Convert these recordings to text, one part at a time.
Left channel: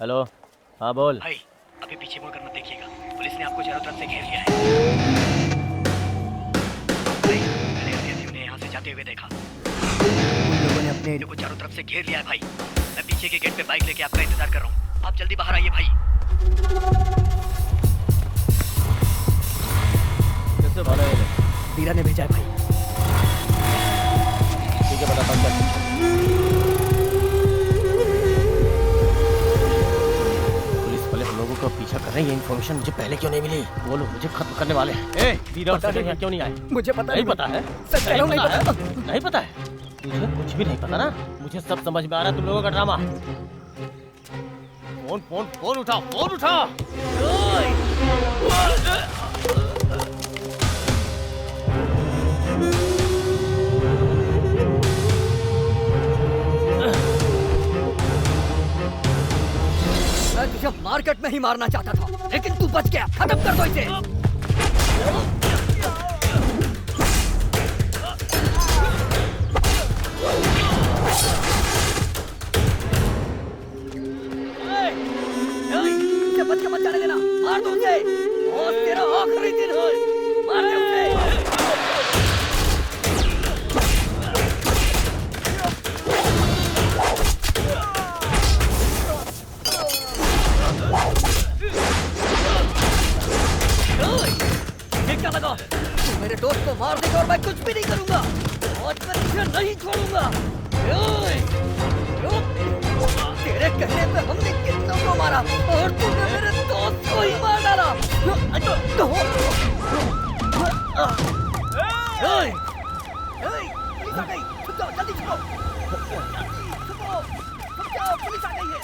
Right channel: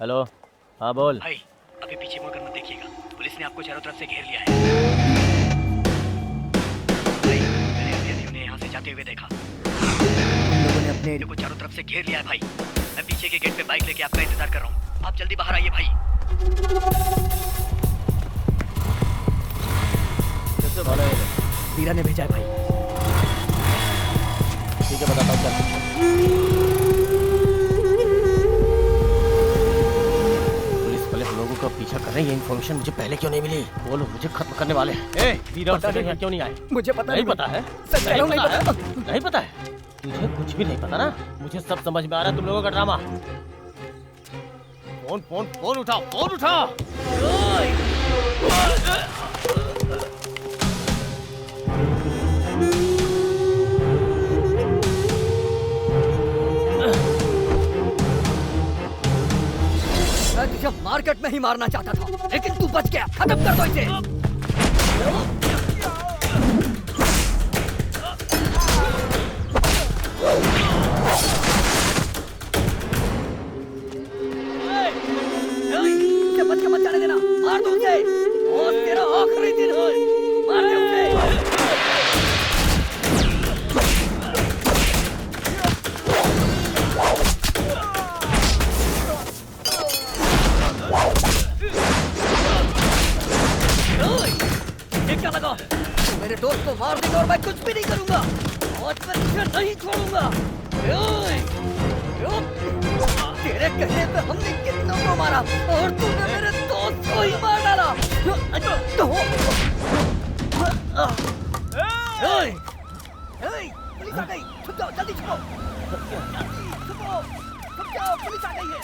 Hello. हाँ बोल। भाई अभी पीछे मुड़कर मत देखिएगा, पुलिस ने आपको चारों तरफ से घेर लिया है। भाई मैंने अभी उन्हें यहाँ से जाते हुए देखा। उन लोगों ने अपने एरिया को चारों तरफ से घेर लिया है भाई। मैं पीछे के गेट पे बाइक लेके आपका इंतजार कर रहा हूँ, आप जल्दी बाहर आइए भाई। कैसे भाड़ा है? वीरा ने भेजा है भाई। ठीक है बताता हूँ, चल। हम लोगों का पीछा कर रहे हैं, ये इन्फॉर्मेशन मुझे पहले क्यों नहीं मिली? बोलो, मुझे खत्म करने वाले हैं। वीरा और संजय यहाँ क्यों नहीं आए? मुझे पता नहीं पता है। सच कह रहा हूँ, नहीं पता। नहीं पता है तुझे? कुछ भी नहीं पता ना? मुझे सब समझ में आ रहा है तुम लोगों का ड्रामा। फोन फोन फोन उठाओ, फोन उठाओ। मैं तुझे मार्केट में ही मारना चाहता था, लेकिन तू बच गया। खत्म कर दो इसे। उसे बच के मत जाने देना, मार दो उसे। और तेरा आखिरी दिन हो, मार दे उसे। क्या लगा? तू मेरे दोस्त को मार देगा और मैं कुछ भी नहीं करूंगा। आज मैं तुझे नहीं छोड़ूंगा। तेरे कहने पे हमने कितनों को मारा और तूने मेरे दोस्त को ही मार डाला। पुलिस आ गई, छुप जाओ, जल्दी छुपो। छुपो, छुप जाओ, पुलिस आ गई है।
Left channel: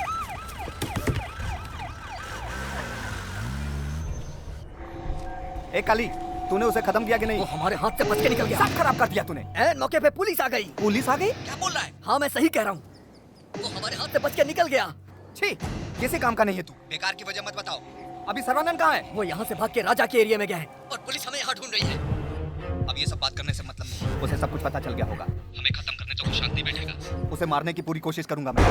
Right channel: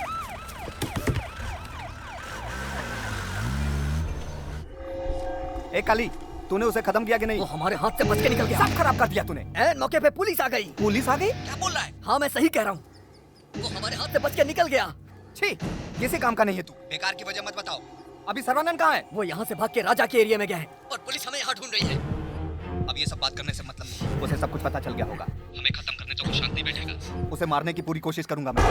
ए काली, तूने उसे खत्म किया कि नहीं? वो हमारे हाथ से बच के निकल गया। सब खराब कर दिया तूने। ऐन मौके पे पुलिस आ गई। पुलिस आ गई? क्या बोल रहा है? हाँ मैं सही कह रहा हूँ, वो हमारे हाथ से बच के निकल गया। छी, किसी काम का नहीं है तू। बेकार की वजह मत बताओ। अभी सर्वानंद कहाँ है? वो यहाँ से भाग के राजा के एरिया में गया है और पुलिस हमें यहाँ ढूंढ रही है। अब ये सब बात करने से मतलब नहीं। उसे सब कुछ पता चल गया होगा। हमें खत्म करने तो वो शांत नहीं बैठेगा। उसे मारने की पूरी कोशिश करूंगा मैं।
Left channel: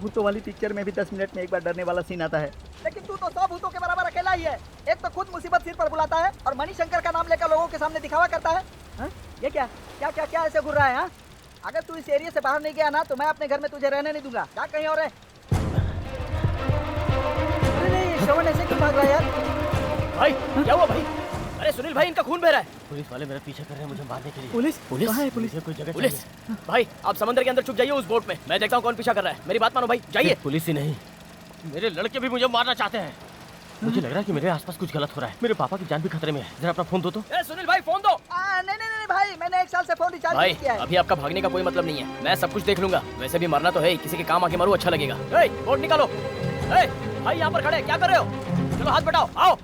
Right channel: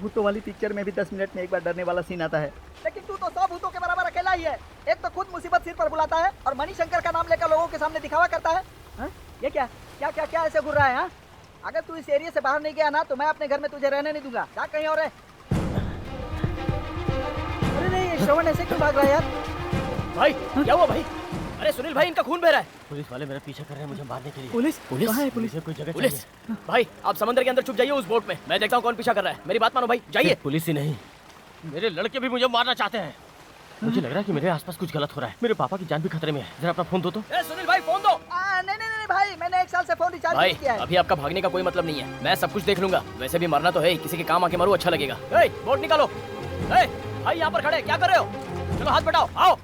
भूतों वाली पिक्चर में भी 10 मिनट में एक बार डरने वाला सीन आता है, लेकिन तू तो 100 भूतों के बराबर अकेला ही है। एक तो खुद मुसीबत सिर पर बुलाता है और मणिशंकर का नाम लेकर लोगों के सामने दिखावा करता है। हा? ये क्या क्या क्या क्या ऐसे घूर रहा है? हा? अगर तू इस एरिया से बाहर नहीं गया ना तो मैं अपने घर में तुझे रहने नहीं दूंगा। क्या कहीं और है? अरे नहीं, श्रवण ऐसे क्यों भाग रहा है यार? भाई क्या हुआ भाई? अरे सुनील भाई, इनका खून बह रहा है। पुलिस वाले मेरा पीछा कर रहे हैं मुझे मारने के लिए। पुलिस? पुलिस कहाँ है पुलिस? मुझे कोई जगह पुलिस चाहिए। भाई आप समंदर के अंदर छुप जाइए उस बोट में, मैं देखता हूँ कौन पीछा कर रहा है। मेरी बात मानो भाई, जाइए। पुलिस ही नहीं, मेरे लड़के भी मुझे मारना चाहते हैं। मुझे लग रहा है कि मेरे आसपास कुछ गलत हो रहा है। मेरे पापा की जान भी खतरे में है। जरा अपना फोन दो तो। ए सुनील भाई फोन दो। नहीं नहीं नहीं भाई, मैंने 1 साल से फोन रिचार्ज भाई नहीं किया है। अभी आपका भागने का कोई मतलब नहीं है, मैं सब कुछ देख लूंगा। वैसे भी मरना तो है, किसी के काम आके मरो, अच्छा लगेगा। बोट निकालो। भाई यहाँ पर खड़े क्या कर रहे हो? चलो हाथ बढ़ाओ, आओ।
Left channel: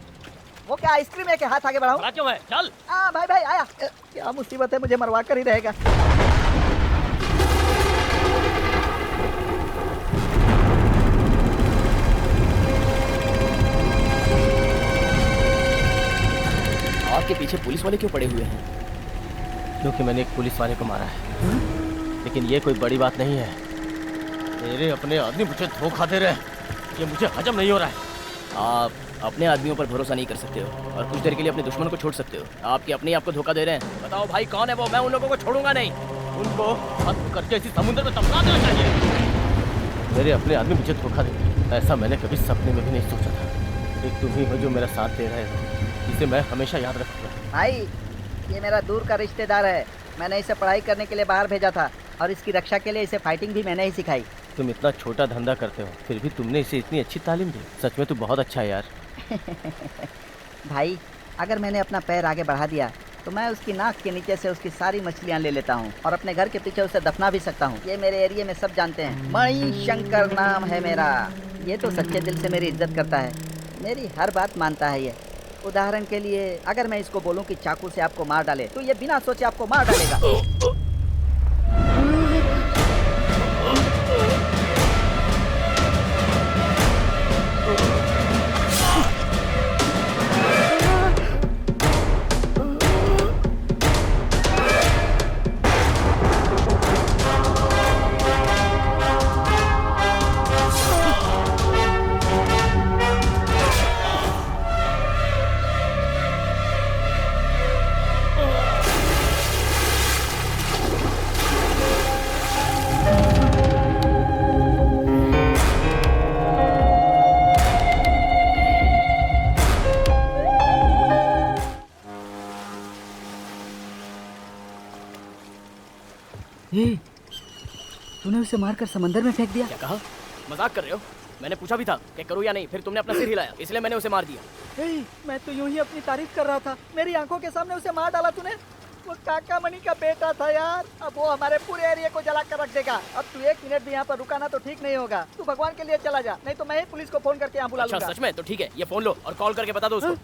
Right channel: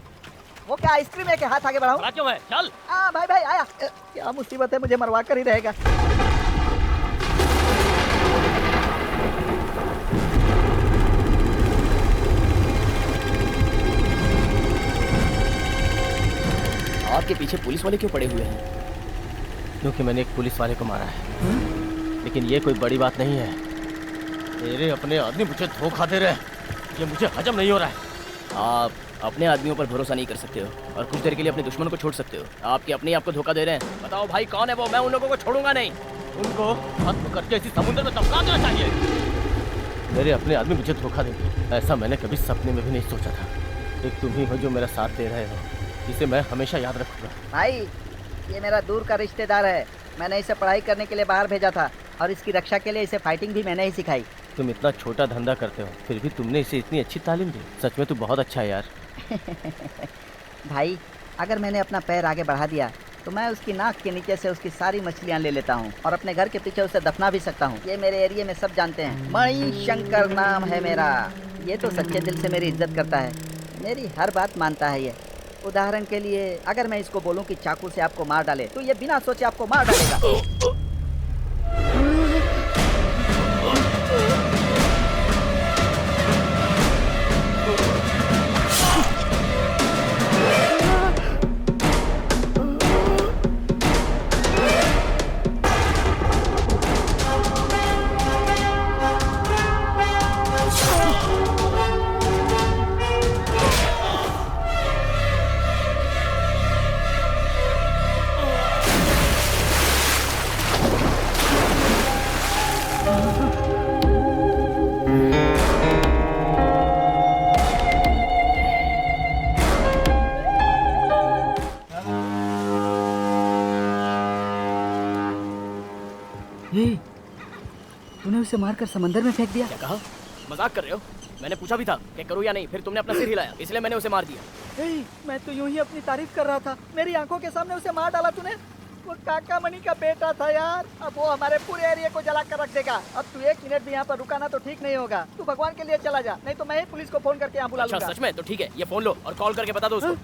वो क्या आइसक्रीम है कि हाथ आगे बढ़ाऊं? बड़ा क्यों है? चल। भाई भाई आया। क्या मुसीबत है, मुझे मरवा कर ही रहेगा। आपके पीछे पुलिस वाले क्यों पड़े हुए हैं? क्योंकि मैंने एक पुलिस वाले को मारा है। लेकिन ये कोई बड़ी बात नहीं है। मेरे अपने आदमी मुझे धोखा दे रहे हैं, ये मुझे हजम नहीं हो रहा है। आप अपने आदमियों पर भरोसा नहीं कर सकते हो और कुछ देर के लिए अपने दुश्मन को छोड़ सकते हो। आपके अपने आपको धोखा दे रहे हैं। बताओ भाई कौन है वो? मैं उन लोगों को छोड़ूंगा नहीं। उनको खत्म करके इसी समुद्र में टपका देना चाहिए। मेरे अपने आदमी मुझे धोखा देंगे, ऐसा मैंने कभी सपने में भी नहीं सोचा था। एक तुम ही हो जो मेरा साथ दे रहे हो, जिसे मैं हमेशा याद रखूंगा। भाई ये मेरा दूर का रिश्तेदार है, मैंने इसे पढ़ाई करने के लिए बाहर भेजा था और इसकी रक्षा के लिए इसे फाइटिंग भी मैंने ही सिखाई। तुम इतना छोटा धंधा करते हो, फिर भी तुमने इसे इतनी अच्छी तालीम दी। सच में तू बहुत अच्छा है यार। भाई अगर मैंने अपना पैर आगे बढ़ा दिया तो मैं उसकी नाक के नीचे से उसकी सारी मछलियाँ ले लेता हूँ और अपने घर के पीछे उसे दफना भी सकता हूँ। ये मेरे एरिया में सब जानते हैं, मणिशंकर नाम है मेरा। ये तो सच्चे दिल से मेरी इज्जत करता है, मेरी हर बात मानता है। ये उदाहरण के लिए अगर मैं इसको बोलूं कि चाकू से आपको मार डाले तो ये बिना सोचे आपको मार डालेगा। तूने उसे मारकर समंदर में फेंक दिया? क्या कहा? मजाक कर रहे हो? मैंने पूछा भी था कि करूँ या नहीं, फिर तुमने अपना सिर हिलाया, इसलिए मैंने उसे मार दिया। मैं तो यूं ही अपनी तारीफ कर रहा था, मेरी आंखों के सामने उसे मार डाला तूने। वो काका मनी का बेटा था यार, अब वो हमारे पूरे एरिया को जला कर रख देगा। अब तू 1 मिनट भी यहाँ पर रुकाना तो ठीक नहीं होगा। तू भगवान के लिए चला जा, नहीं तो मैं ही पुलिस को फोन करके यहाँ बुला अच्छा लूंगा। सच में? तो ठीक है, ये फोन लो और कॉल करके बता दो उसको।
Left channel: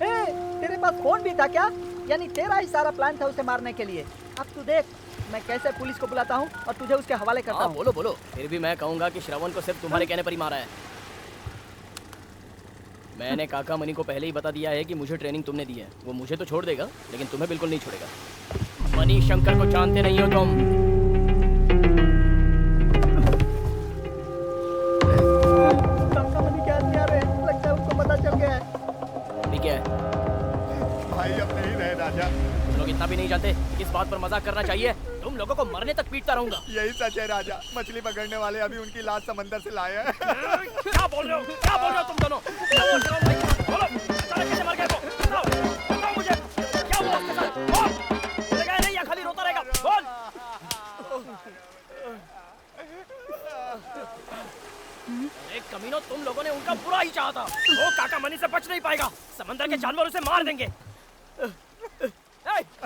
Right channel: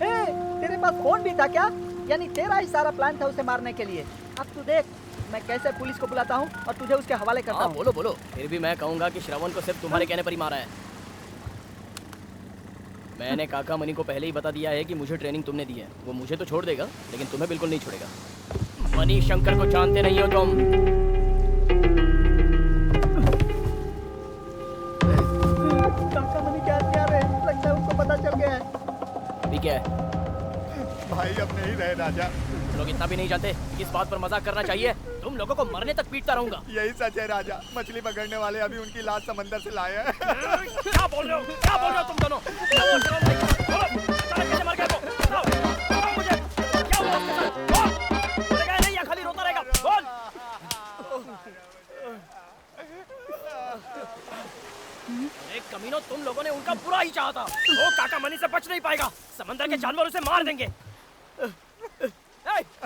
तेरे पास फोन भी था क्या? यानी तेरा ही सारा प्लान था उसे मारने के लिए। अब तू देख मैं कैसे पुलिस को बुलाता हूँ और तुझे उसके हवाले करता हूँ। बोलो बोलो। फिर भी मैं कहूँगा कि श्रवण को सिर्फ तुम्हारे कहने पर ही मारा है। मैंने काका मनी को पहले ही बता दिया है कि मुझे ट्रेनिंग तुमने दी है। वो मुझे तो छोड़ देगा, लेकिन तुम्हें बिल्कुल नहीं छोड़ेगा। मनी शंकर को जानते नहीं हो तुम। काका मनी क्या आदमी आ रहे हैं? लगता है उनको पता चल गया है। अभी क्या है? भाई अब नहीं रहे राजा। तुम लोग इतना भी नहीं जानते किस बात पर मजाक करना चाहिए। तुम लोगों को मरने तक पीटता रहूंगा। यही सच है राजा, मछली पकड़ने वाले अभी उनकी लाश समंदर से लाए हैं। क्या बोल रहे हो? क्या बोल रहे हो तुम दोनों? क्या बोल रहे हो भाई? बोलो, अचानक कैसे मर गए वो? बताओ मुझे, क्या हुआ उसके साथ? बोल। बोलेगा नहीं या खाली रोता रहेगा? बोल। अरे कमीनों, तुम लोगों ने उनका बुरा ही चाहा था। वो काका मनी से बच नहीं पाएगा। समंदर के जानवर उसे मार देंगे।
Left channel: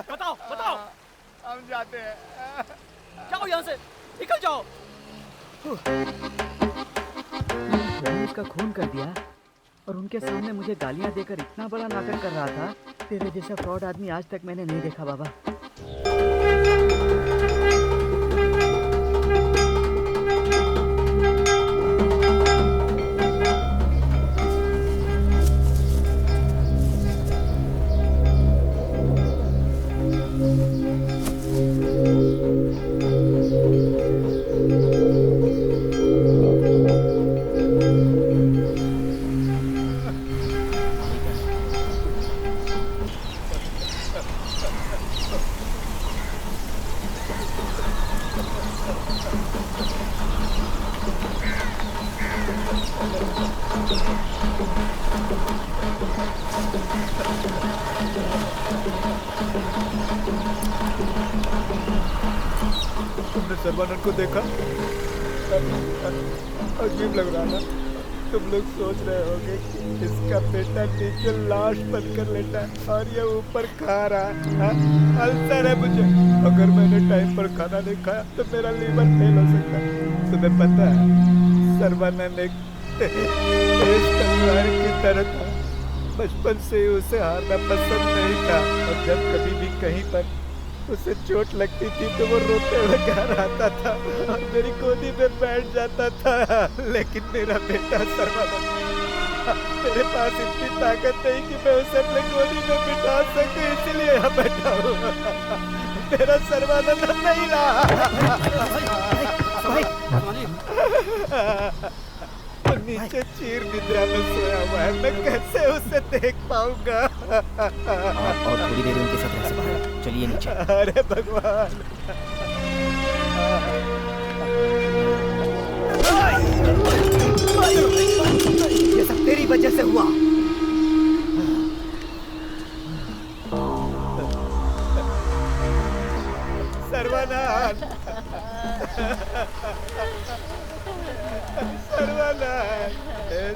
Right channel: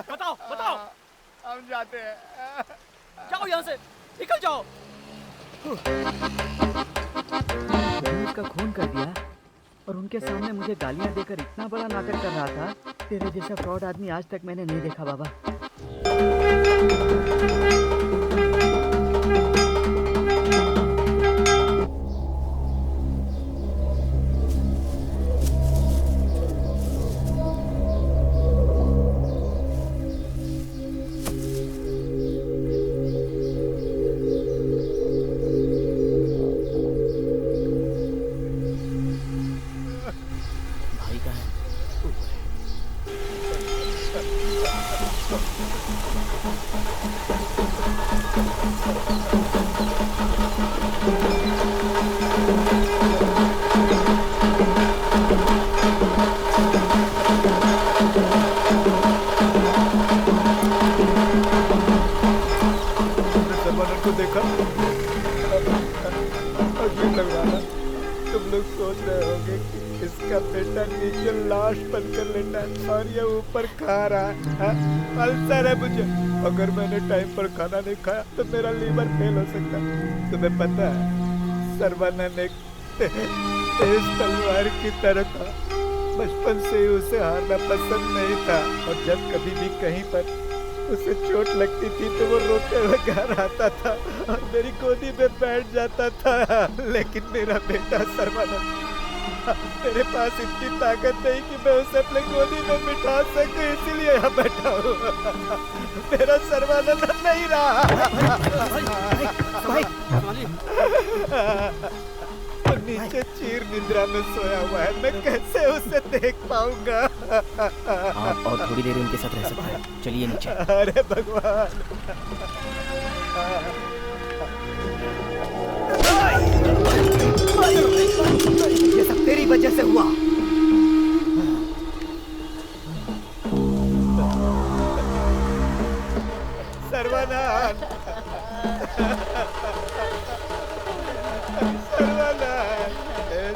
बताओ बताओ। हम जाते हैं। जाओ यहाँ से, निकल जाओ। मैंने उसका खून कर दिया और उनके सामने मुझे गालियां देकर इतना बड़ा नाटक कर रहा था। तेरे जैसा फ्रॉड आदमी आज तक मैंने नहीं देखा बाबा। सर्वानंद को देखा? अजीब लग रहा था। तुम लोग सोच रहे होगे कि इसका बेटा नीचे लाश बनकर लेटा है और ये ऊपर खा रहा है। अल्सर है मुझे, अगर मैंने टाइम पर खाना नहीं खाया तो मेरा लीवर फेल हो सकता है। तुम्हें पता है सर्वानंद एक तेज तलवार की तरह था। बचपन से ही उसे हारना पसंद नहीं था और जब कभी भी कहीं पर उसे चोट लगती थी तो वो रोते हुए घर आता था और मेरी गोदी में बैठ जाता था। लेकिन मेरा बेटा सर्वानंद, मेरे पास इतनी ताकत नहीं कि मैं उसे अपने गोदी में बिठा सकूं, इसीलिए यहाँ बैठा हूँ। मेरा सर्वानंद नहीं रहा। वो नीचे चीर निद्रा में सोया हुआ है, मैं कैसे उसे देख पाऊंगा? आप और थोड़ी देर उनके साथ रह सकते हैं। चलिए नीचे। अरे भगवान, ये सब तेरी वजह से हुआ। सर्वानंद, सर्वानंद,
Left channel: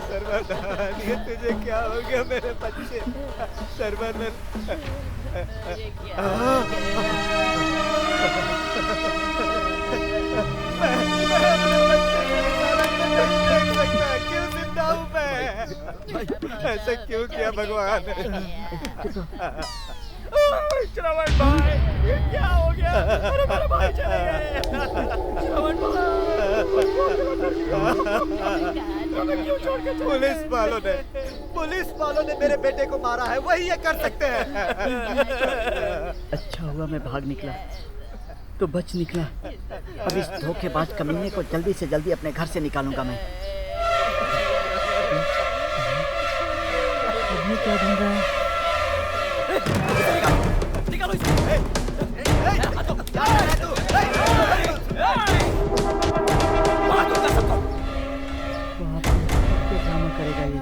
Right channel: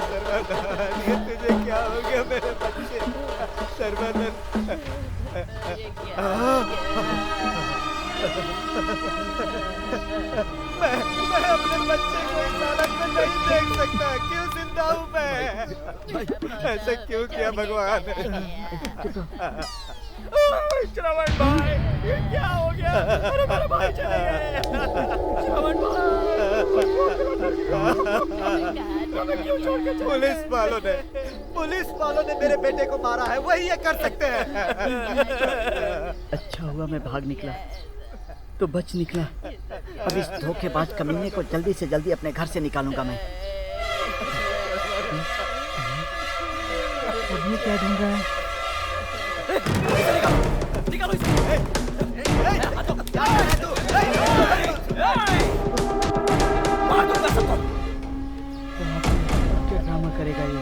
सर्वानंद, ये तुझे क्या हो गया मेरे बच्चे? सर्वानंद, मैं अपने बच्चे को इस हालत में नहीं देख सकता। क्यों जिंदा हूँ मैं? ऐसा क्यों किया भगवान? श्रवण भाई, ये क्या हो गया? अरे मेरे भाई चले गए। श्रवण भाई, क्यों छोड़ के? पुलिस वालों ने मेरे बेटे को मारा है, वही ये कर सकते हैं। अच्छा हुआ मैं भाग निकला तो बच निकला। अब इस धोखेबाज कमीने को जल्दी से जल्दी अपने घर से निकालूंगा मैं। अब ये क्या ढूंढ रहा है? निकालो इसे। मार दूंगा सबको। क्या ड्रामा करेगा ये?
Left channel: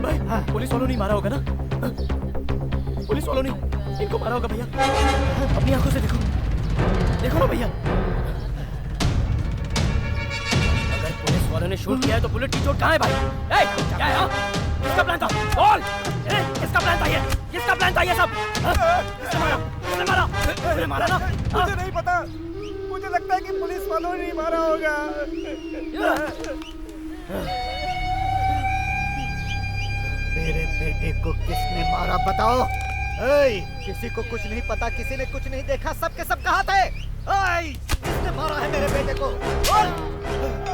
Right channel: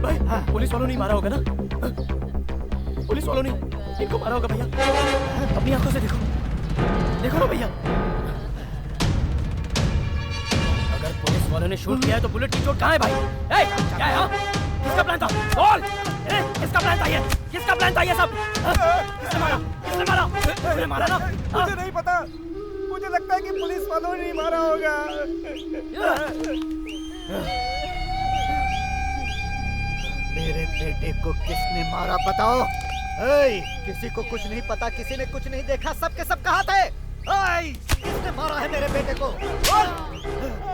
भाई, पुलिस वालों ने मारा होगा ना? पुलिस वालों ने इनको मारा होगा भैया। अपनी आंखों से देखो, देखो ना भैया। अगर पुलिस वालों ने शूट किया है तो बुलेट की चोट कहाँ है भाई? ए, क्या है? हाँ? किसका प्लान था? बोल! किसका प्लान था ये? किसका प्लान था ये सब? किसने मारा? किसने मारा? तूने मारा ना? मुझे नहीं पता, मुझे लगता है कि पुलिस वालों ने मारा होगा। मेरे बेटे को किसने मारा बताओ? किसी को कुछ नहीं पता, किसी ने कुछ नहीं देखा, सब के सब कहाँ थे? किसने मारा है मेरे बेटे को? बोल!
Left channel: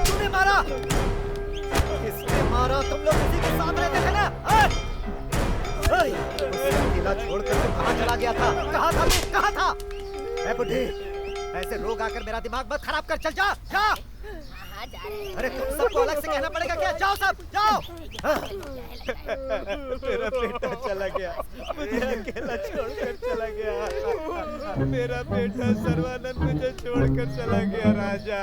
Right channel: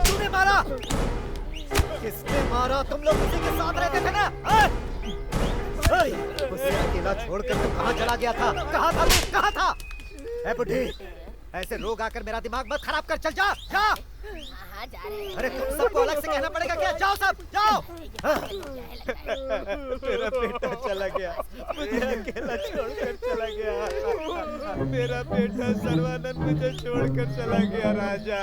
तूने मारा? किसने मारा? तुम लोग उसी के साथ रहते थे ना? उसे अकेला छोड़कर तू कहाँ चला गया था? कहाँ था तू? कहाँ था? ए बुढ़ी, ऐसे रोग आकर मेरा दिमाग मत खराब कर, चल जा, जा। अरे तुम सबको अलग से कहना पड़ेगा क्या? जाओ सब, जाओ। मेरा बेटा चला गया, मुझे अकेला छोड़कर चला गया। मेरा बेटा सर्वानंद मुझे छोड़कर चला गया राजा।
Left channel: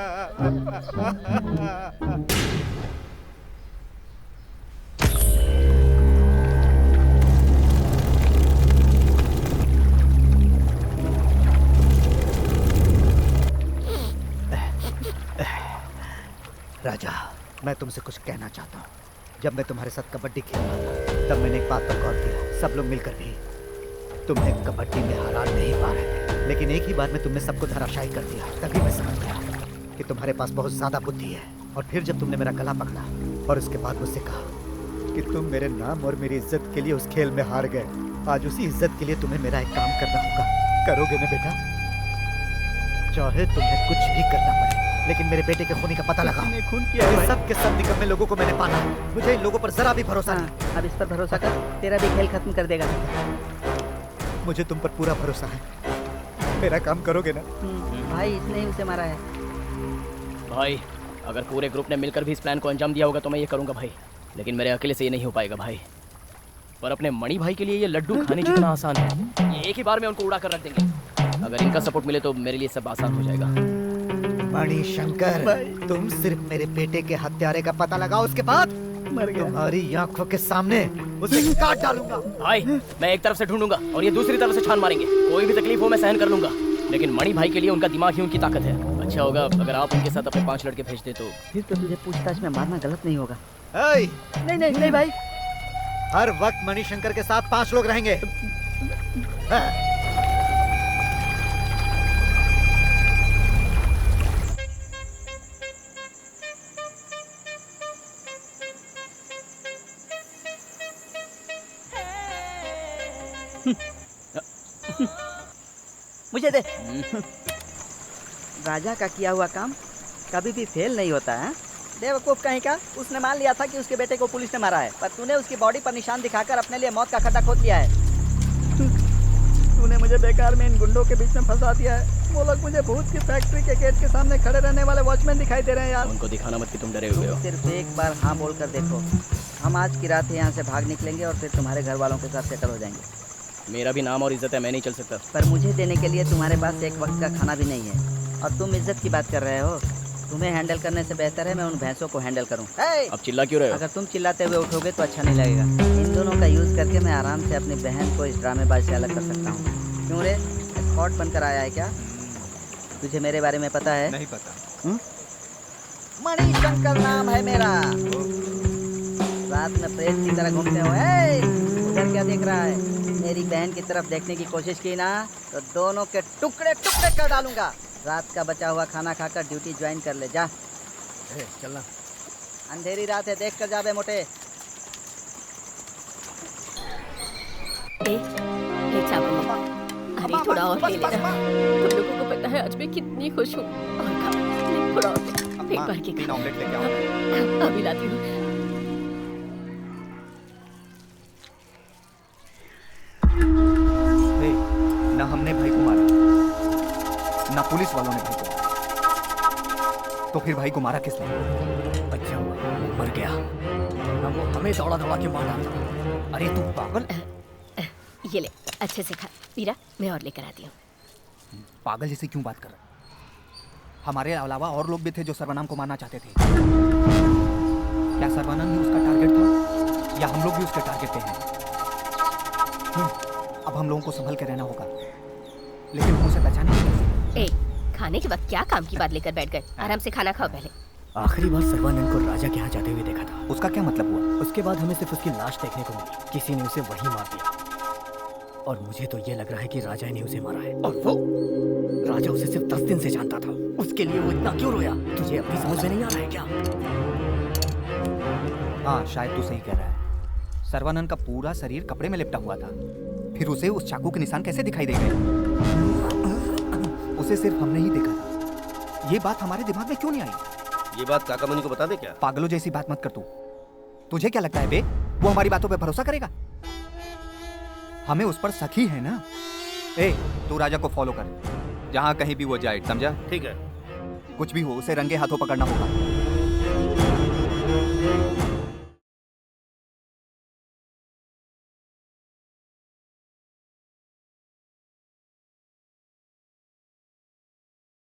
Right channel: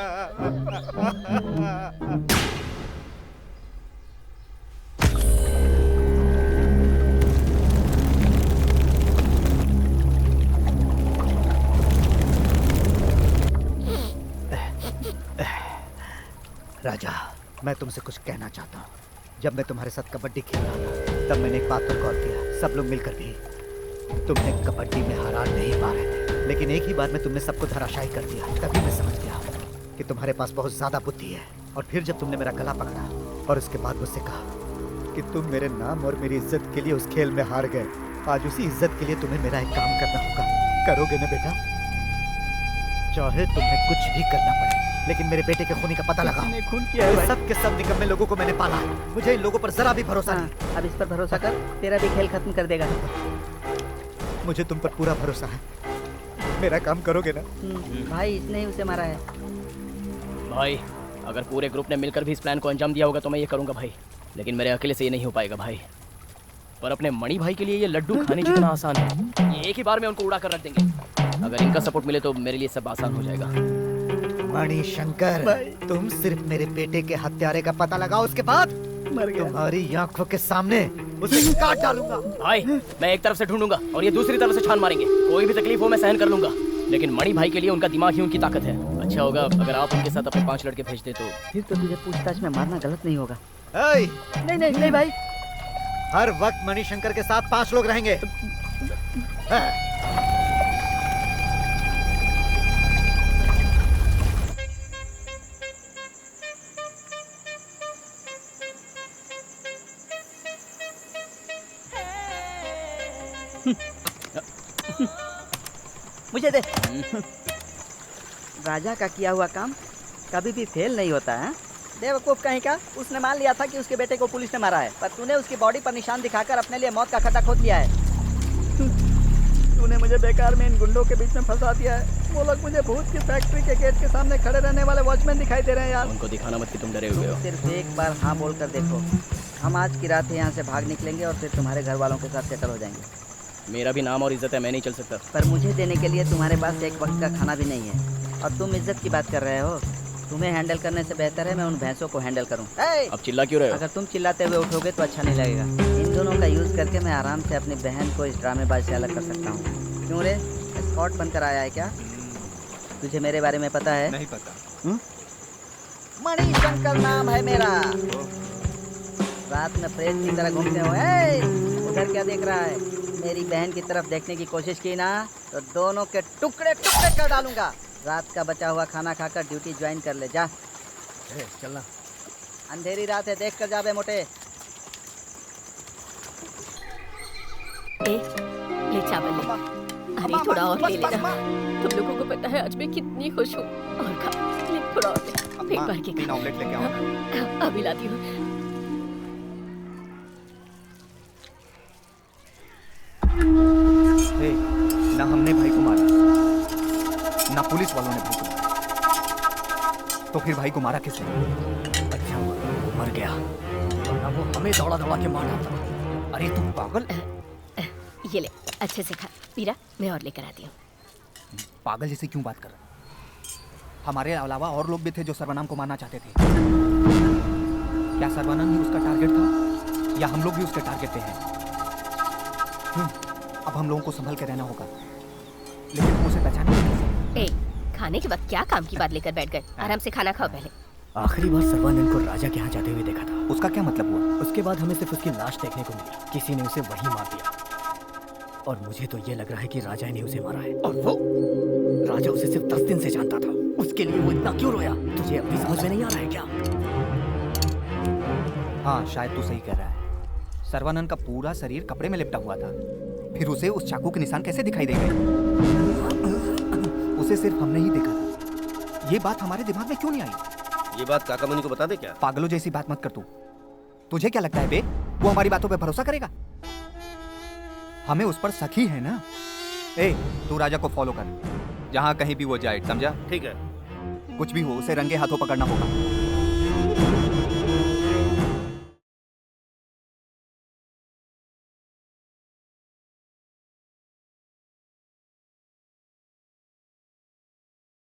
राजा, मैं तुमसे कुछ कहना चाहता हूँ। जब मैं तुम्हारे साथ कबड्डी खेल रहा था तब मैंने एक बात पर गौर किया। सब लोग मिलकर भी तुमने कबड्डी में हारा नहीं पा रहे थे, लेकिन एक ही बार में तुमने सबको धराशायी कर दिया। तभी मैं समझ गया कि तुम्हारे पास बहुत ज्यादा बुद्धि है। और फिर जब तुमने मेरा गला पकड़ा और उसके बाद मुझसे कहा कि तुम मेरे नाम और मेरी इज्जत के लिए उस खेल में हार गए, आज उसी इज्जत के लिए तुम्हें मेरा एक काम करना होगा। करोगे ना बेटा? चाहे तुम्हें कुछ भी करना पड़े, लेकिन मेरे बेटे के खूनी का पता लगाओ। खून किया है। सब के सब निकम्मे लोगों को मैंने पाला है। मुझे इन लोगों पर जरा भी भरोसा नहीं। अब इस पर भरोसा कर, तेरा भी खेल खत्म कर देगा। मुझे तुम पर पूरा भरोसा है। मेरा काम करोगे ना? भाई इसने ही उसे मारा है। भाई अगर पूरे ग्रुप ने मिलकर भी इस प्लान को अंजाम दिया होगा तो मैं ये करूँगा भाई, लेकिन मेरे अकेले से ये नहीं हो पाएगा भाई। पर अपने मणि भाई के लिए ये लड्डू खाने जितना आसान है। ये एक ही बार में उनको उड़ा कर रख देंगे। अगर इनका सपोर्ट मिले तो मेरे लिए सब आसान हो जाएगा। मणिशंकर, तुम सिर्फ मेरे बेटे के हत्यारे का पता लगाओ, उसके बाद मर गया। तुम्हारी आंखों के सामने उसे काट डालूंगा। भाई मैं एक तरफ से ढूंढूंगा और ये दूसरी तरफ से छान मारेंगे। कोई भी तकलीफ हो मैं सहन कर लूंगा, लेकिन मणि भाई के लिए उनका दिमाग ही उनकी ताकत है। अच्छा होगा अगर आप उनके साथ अपने 5 लड़के भेज दे तो। फिर तो तुझे पूछताछ में मारना गलत नहीं होगा। नहीं नहीं नहीं भाई, हर वक्त मणिशंकर के साथ 5 लोग रहेंगे। मुझे दे। राजा का किया हुआ काम कभी भी फेल नहीं होता है। बेवकूफ कहीं का, उसने मान लिया था कि उसके बेटे को पुलिस ने मारा है, पर तूने उसकी बॉडी पर निशान दिखाकर अपने लिए मौत का खड्डा खोद लिया है। तूने मुझे बेकार में इन गुंडों के बीच में फंसा दिया है। वो लोग मुझे भूत की फैक्ट्री के गेट के सामने खड़े रहने वाले वॉचमैन दिखाई दे रहे हैं यार। उनको दिखाना मत कि तुम डरे हुए हो। सिर्फ एक बार हाँ बोल कर देखो। हम आज की रात यहाँ से भाग निकलेंगे और फिर तुम्हारे घर वालों के साथ सेटल हो जाएंगे। मेरा भी नाम और इज्जत है, मैं नहीं चल सकता। पर मुझे देने के लिए तुम्हारे पास एक वक्त का खाना भी नहीं है, और तुम इज्जत की बात कर रहे हो। तुम्हें हैंडल करने से बेहतर है मैं उन भैंसों को हैंडल करूं। अब चिल्ला क्यों रहे हो? अगर तुम चिल्लाते हुए उठोगे तो अच्छा नहीं लगेगा। इन दोनों का यूज करके मैं आराम से अपनी बहन को इस ड्रामेबाज से अलग कर सकता हूँ। क्यों रे, स्कॉट बनकर आया है क्या? तुझे मेरे बारे में पता है? नहीं पता। मणिशंकर नाम है मेरा। रात में प्रेत की तरह घूमते हो। उधर क्या देख रहा है? मेरी बहन की तरफ देखने की कोशिश की ना तो दोनों के टुकड़े टुकड़े कर डालूंगा। रात का बचा हुआ खाना खाकर ड्यूटी ज्वाइन कर ले जा। चलना। अंधेरी रात है, देख कर जा बे मोटे। ले चावल ले। अरे थोड़ा और ले लेना। तुम लोगों को पता है आज मैं कितनी खुश हूँ। और खा ले, थोड़ा और ले, पेट भर के खा। ऑमलेट लेके आओ। अभी लाती हूँ। ना हमने भाई को मारा, ना पुलिस वालों ने भाई को मारा, तो फिर भाई को मारा किसने? अच्छा हुआ वो मर गया, वरना वो हमें दौड़ा दौड़ा के मार डालता। अरे तू पागल, ये ले, अच्छे से खा। पीरा, मैं और लेकर आती हूँ। पागल जैसे क्यों बात कर रहा है? हमारे अलावा और लोग भी थे जो सर्वनाम को मारना चाहते थे। क्या सर्वनाम ही उसका टारगेट था या हम लोग भी उसके टारगेट पे हैं? अब हम लोगों को संभल के रहना होगा, लेकिन हम उसे पहचानेंगे कैसे? ए, खाने के वक्त क्या काम की बात लेकर बैठ गए? आराम से खाना खाओ पहले। आखिरी बार सर्वानंद को राजा के यहाँ जाते हुए देखा था। उसका क्या मतलब हुआ? उसके बाद हमें सिर्फ उसकी लाश देखने को मिली, किसी ने उसे वहीं मार दिया। और मुझे तो ये लग रहा है कि राजा ने उसे मारा है। और वो राजा उसे सिर्फ 10 दिन से जानता था, उसके लिए वो इतना क्यों रोया? तुझे अभी समझ में नहीं आ रहा है क्या? हाँ, शायद तू सही कह रहा है। सर्वानंद का पूरा शरीर कपड़े में लिपटा हुआ था, फिर उसे उस चाकू के निशान कैसे दिखाई दे गए? उसे सिर्फ हमने ही देखा था। ये बात हमारे दिमाग में क्यों नहीं आई? ये बात काकामणि को बता दे क्या? पागलों जैसी बात मत कर तू। तुझे क्या लगता है बे, वो हमारी बातों पे भरोसा करेगा? हमें उस पर शक ही है ना। ए, तू राजा को फॉलो कर, जहाँ कहीं भी वो जाए, समझा? ठीक है। कुछ भी हो, उसे रंगे हाथों पकड़ना होगा।